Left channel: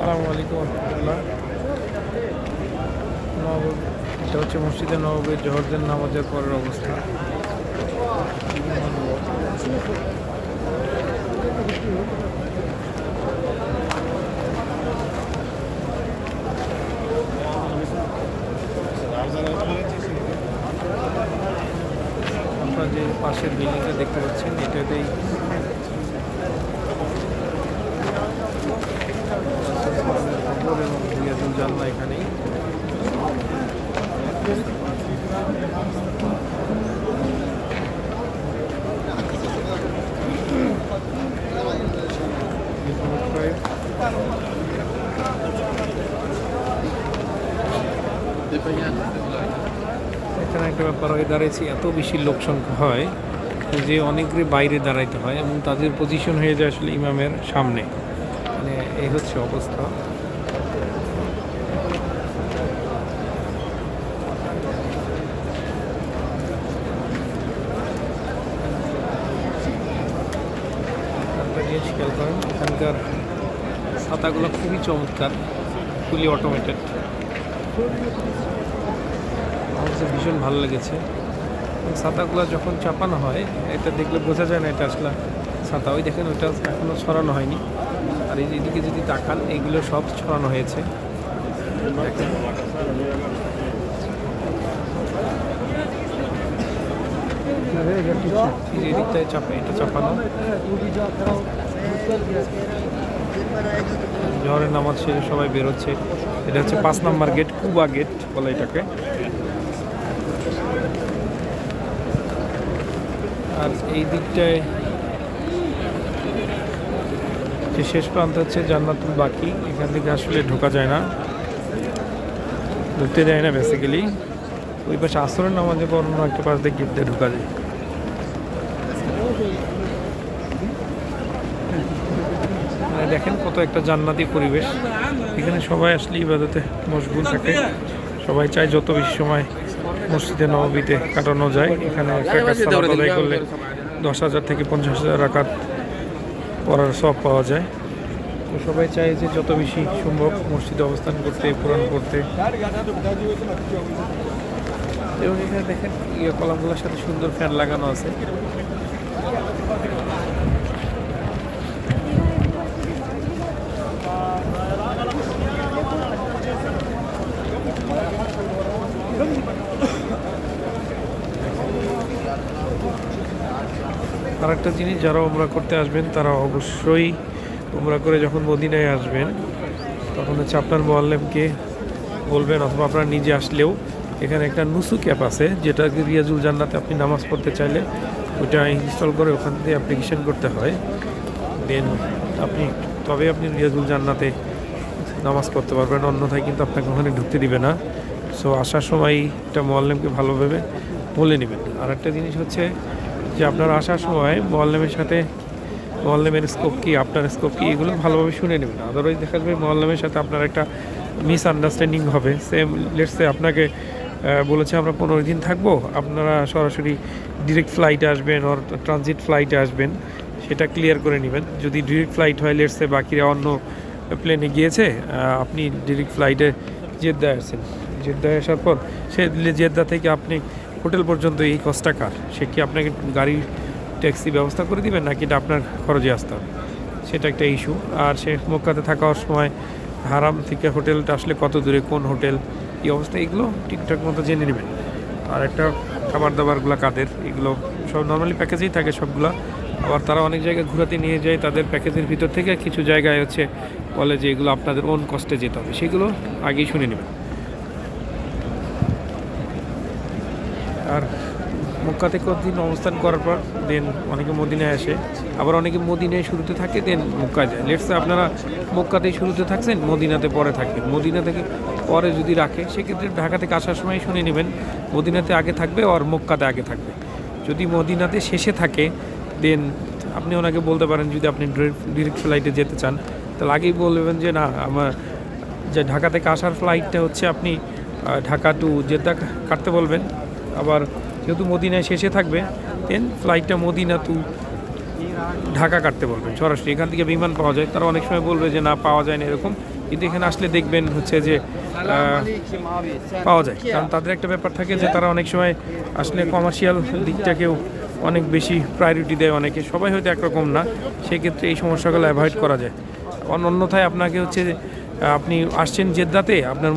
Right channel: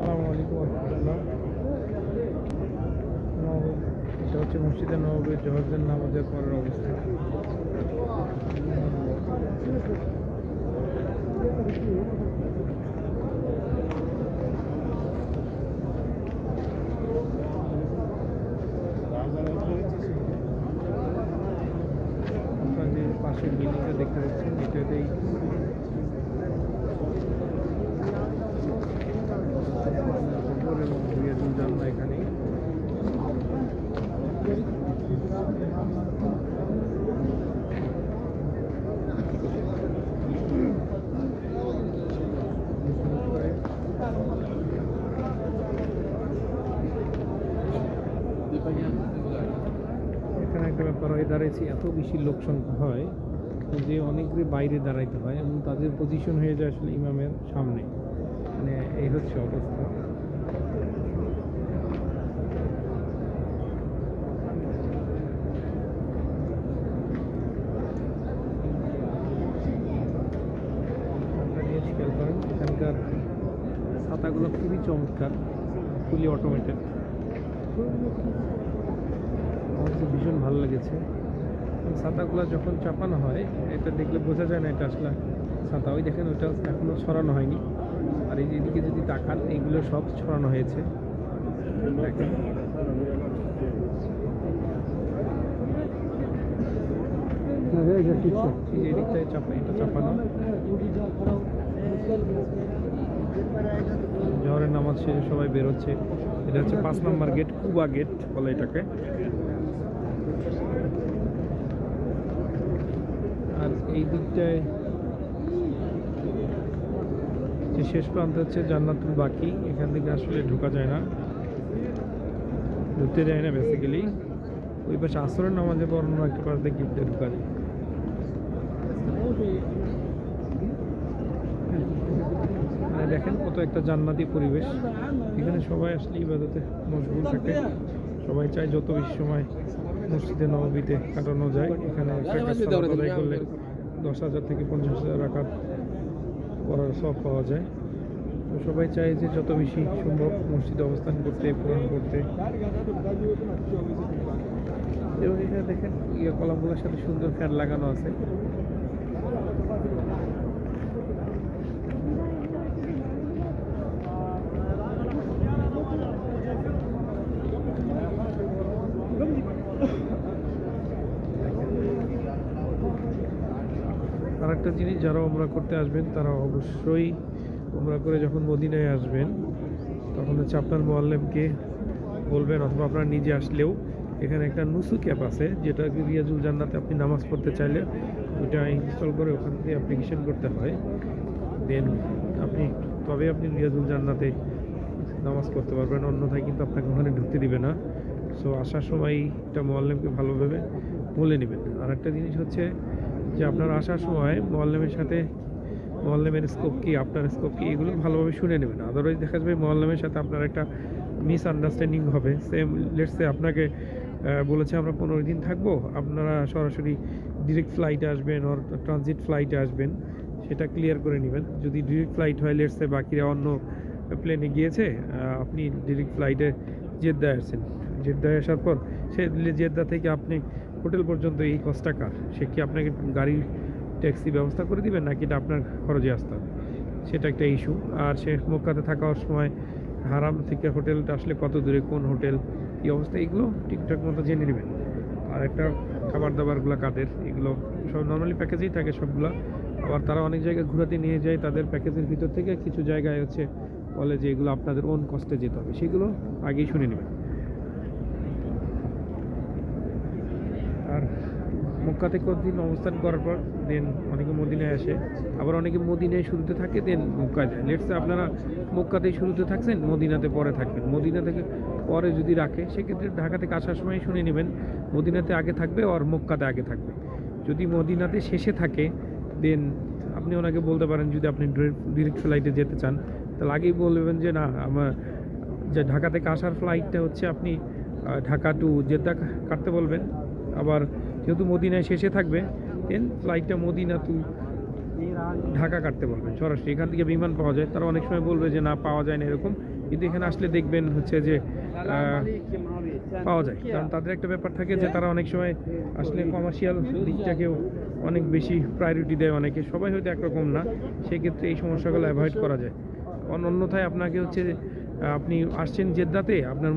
আসসালামু আলাইকুম রহমতুল্লাহ। এটা হচ্ছে মসজিদে নববীর জোহরদের নামাজের পরের অবস্থা। আপনারা যে পাশের বিল্ডিংটা দেখতে পাচ্ছেন এটাতেই এবং রিয়াজুল জান্নাহ এখানেই। এখানে একটা ব্যাপার হয়ে দাঁড়িয়েছি, এত বেশি লোক সংখ্যা হয় যে অনেকেরই বাইরে দাঁড়াইতে হয় এবং তাদের পজিশন হয়ে যায় আসলে ইমামের সামনে। মানে এই হচ্ছে অবস্থা। খেয়াল করেন এখানকার ছাতাগুলো খুবই চমৎকার, ফুলি অটোমেটেড। আমার কাছে ভীষণ ভালো লেগেছে। ছাতাগুলো যখন চাপানো হয় এটা দেখলে বোঝা যায় না এটা আসলে ছাতা। ওই দেখেন ওইটা এখনও ছড়ানো হয়নি। আর এই এদিকে যদি তাকান এইগুলো সব ছড়ানো হয়েছে। দেখেন এদিকটায় চাপা, এটা চাপানো। জোহরের নামাজ শেষে সবাই বেরোচ্ছে। এটা হচ্ছে 5 নম্বর গেট, কুবা গেট বলে এটাকে। আর এই দিকটায় যে শেষ প্রান্ত হচ্ছে জান্নাতুল বাকি, এখান থেকে আসলে ঢোকা যায় না, ঢুকতে যায় না বেসিক্যালি। ওই পাশে আসরের নামাজে পর অন্য একটা পাশ দিয়ে গেট দিয়ে ঢোকা যায়। দেখেন কত একটা জান্নাতি পরিবেশ এখানে। সবাই আসলে ইবাদতে মশগুল থাকে। সবাই চায় যত বেশি সময় মসজিদে নববীতে কাটানো যায়। এখানে আদায় করলে 10,000 থেকে 50,000 রাকাত পড়ার সব পাওয়া যায়। তো সবাই চায় যে যত বেশি সম্ভব মসজিদে অবস্থান করতে, কোরআন করতে। এবং এখানে দেখেন কলামগুলোর সাথে সুন্দর ফ্যান লাগানো আছে। আর একটা জিনিস, যারা উমরা করতে আসবেন তারা অবশ্যই উমরা করে যখন মদিনায় আসবেন তখন হচ্ছে আপনার মুআল্লিমকে বলবেন, অথবা আপনারা নিজে আসলেও এখানে একটা নুসু ক্যাপ আছে, যেটা রিয়াজুল জান্নাতে আপনি নামাজ পড়তে চাইলে ওইটা ইনস্টল করে ওখান থেকে অ্যাপ্লিকেশন করতে হয়। দেন তবে আপনি রিয়াজুল জান্নাতে নামাজ পড়তে পারবেন, অন্যথায় কিন্তু আপনাকে ওখানে ঢুকতে দিবে না। সো আসার সময় একটা মুআল্লিমকে ভালোভাবে বলে নেবেন। আর একটা জিনিস হচ্ছে যে আপনারা আসার সময় মুআল্লিমের সাথে, মুআল্লিমের স্কোপ কী, আপনার স্কোপ কী, এগুলো ভালোভাবে শুনে নেবেন। আদারওয়াইজ দেখা যাবে মুআল্লিমের সাথে আপনার একটা মিসআন্ডারস্ট্যান্ডিং হবে। সেম লেটসে আপনাকে বলেছে আমরা 15 দিন থাকবো, আপনারা সরাসরি ডিরেক্ট ফ্লাইটে আসবেন আর ট্রানজিট ফ্লাইটে আসবেন, সেটা ক্লিয়ার করে নেবেন। যদি ডিরেক্ট ফ্লাইট হয়, লেটসে বাকিরা অন্য প্লেনে গিয়েছে, আপনি ডিরেক্ট ফ্লাইটে জেদ্দায় আসছেন, জেদ্দায় আসার পর সে জেদ্দা থেকে আপনি হোটেল পর্যন্ত এই কস্টটা কার, সে কি আপনাকে গাড়ি ট্যাক্সি ব্যবস্থা করে দিবেন নাকি এটা আপনার খরচে আসতে হবে, সেটা একটা ইস্যু। আর সে মক্কাতে থাকার সময় হারাম থেকে হোটেলটা আসলে কত দূরে, কোন হোটেল, এই অবস্থা, এগুলো ঠিকঠাক মতো জেনে নেবেন। আর একটা খাবার দাবারগুলো কাদের, এগুলো সব নর্মালি প্যাকেজেই থাকে সবগুলো। আবার তারা অনেক জায়গায় ঘোরাতে নিয়ে যায়, তাদের প্যাকেজের ভিতর থেকে কিছু জায়গায় হচ্ছে বলে যে এগুলো আপনাদের ওন কস্টে যেতে হবে, সেগুলো আগেই শুনে নেবেন। আর মক্কাতে কতদিন অবস্থান করার পর দেন অনেকে মদিনায় আসে, আবার অনেকে মদিনায় শুরুতে থাকে দেন মক্কায় যায়। লেটসে আপনারা মক্কাতেই শুরুতে থাকছেন, মদিনাতে পরে থাকবেন। মদিনা থেকে পরে যদি রাখে, সেক্ষেত্রে ঢাকা থেকে আসার সময় শুনে নেবেন মদিনাতে আগে থাকবে আর মক্কাতে আগে থাকবে। যদি মদিনাতে শেষে থাকে দেন আপনি ওনাকে বলতে পারেন, যদি আপনি ডিরেক্ট ফ্লাইটে যেতে চান তাহলে আগেই বলবেন যে না, আমার যে ঢাকা থেকে আসার ফ্লাইটটা হচ্ছে আপনি ঢাকা টু জেদ্দা কাটতে বলবেন। আবার যেহেতু মদিনায় শেষে থাকবে দেন ফ্লাইটটা মদিনা টু ঢাকা কাটতে বলবেন সরাসরি। এখান থেকে বিমান পাওয়া যায়, তারা অনেক সময় বলবে যে না পাওয়া যায় না, এরকম কিন্তু এখানে আসলে দেখবেন হচ্ছে যে পাওয়া যায়, কারণ তাদের একটা ব্যাপার থাকে যে তারা অনেক সময় আসলে কমার্শিয়াল দিকটাকেও অনেক বেশি প্রায়োরিটি দেয় অনেকে, সবাই হয়তো একরকম না, সেক্ষেত্রে এই সমস্যাগুলো অ্যাভয়েড করা যায়। অন্যথায় আপনাকে হচ্ছে আপনি আসছেন জেদ্দাতে, আপনার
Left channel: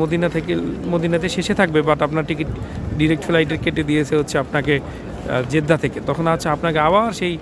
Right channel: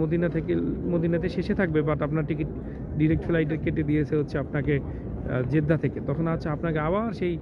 মদিনাতে শেষে থাকবে, বাট আপনার টিকিট ডিরেক্ট ফ্লাইটের কেটে দিয়েছে হচ্ছে আপনাকে জেদ্দা থেকে, তখন আপনাকে আবার সেই